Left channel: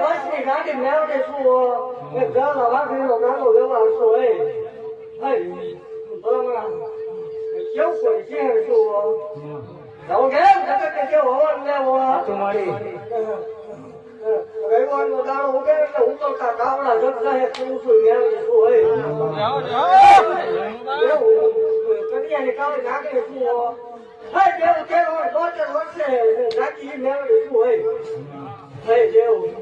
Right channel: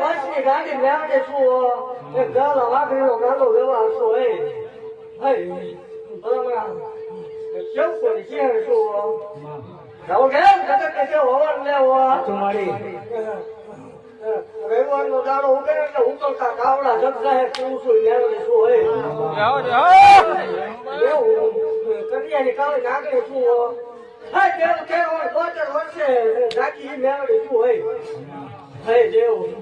વર્ષની ગાડી મેળવે શું એ ગાલ વાઘરીનો ગાંડો વ્યવહાર શું હે બરાબર કેવું કોઈ છે શું જાઓ કેમ જગત કે હોવાનું લેવો તમારી રવિવારનો દાડો ઉગે એટલે ઉતરતા કાવડા જગજાહેર કેવું છું મેળવે શું હે કરિયાની કાલે નાખે શું જેવું કેવું હોય 72 વર્ષે નાખી મેળવે શું હોય જેવું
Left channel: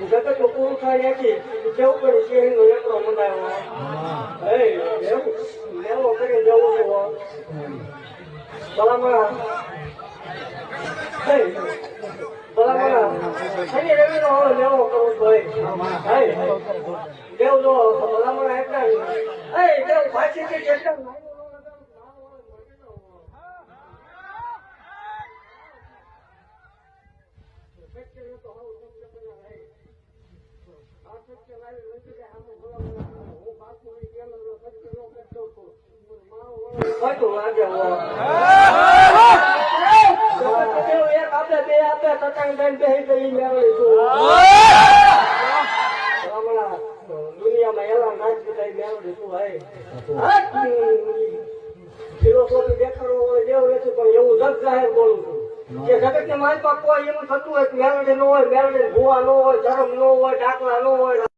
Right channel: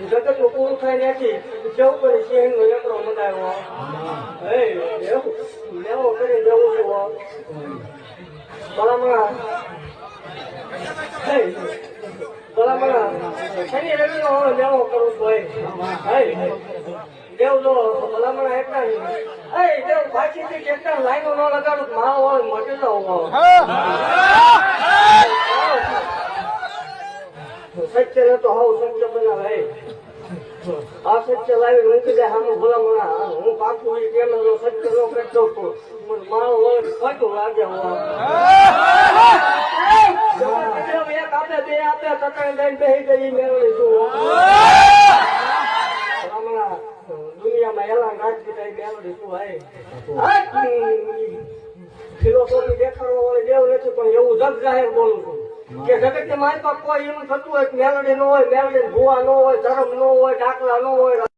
જગત પૂરું થાય નથી જેવું કરી સિંહ નો એકડો મંડાવ્યો લેવો કરી જવું છું ભલામણા શનિ રવિ નો હવે લેવો કરવું ભાઈ દેવ જો ભલામણા એટલા દેવ પાછીથી કેટલા લાઈનો ન લગાડું મારો હોય મટી જાવ સત્ય ને તો હાવ સત્ય બનાવે આ સત્ય લાવી મૂકી દે સામે ભલામણા હું પાકું હોય કેમ સત્ય નો કરતો મારો ખોટું લાગે એક આપે બે આપે છતાં લઈને બેસી ગઈ મેળવી છું ભલામણા દુનિયામાં એલા નાખી થાય મેળવી શું ભાઈ ફિલોસોફી દેખાડવો હોય દેવ નથી પણ એવું જગ જાહેર બોલું છું કે જગત ને મારી પાસે કોઈ એમ થતું હોય મેલડી ન હોય મેલડી ભૂવા ન હોય ધર્મ ન હોય ડાકલા ન હોય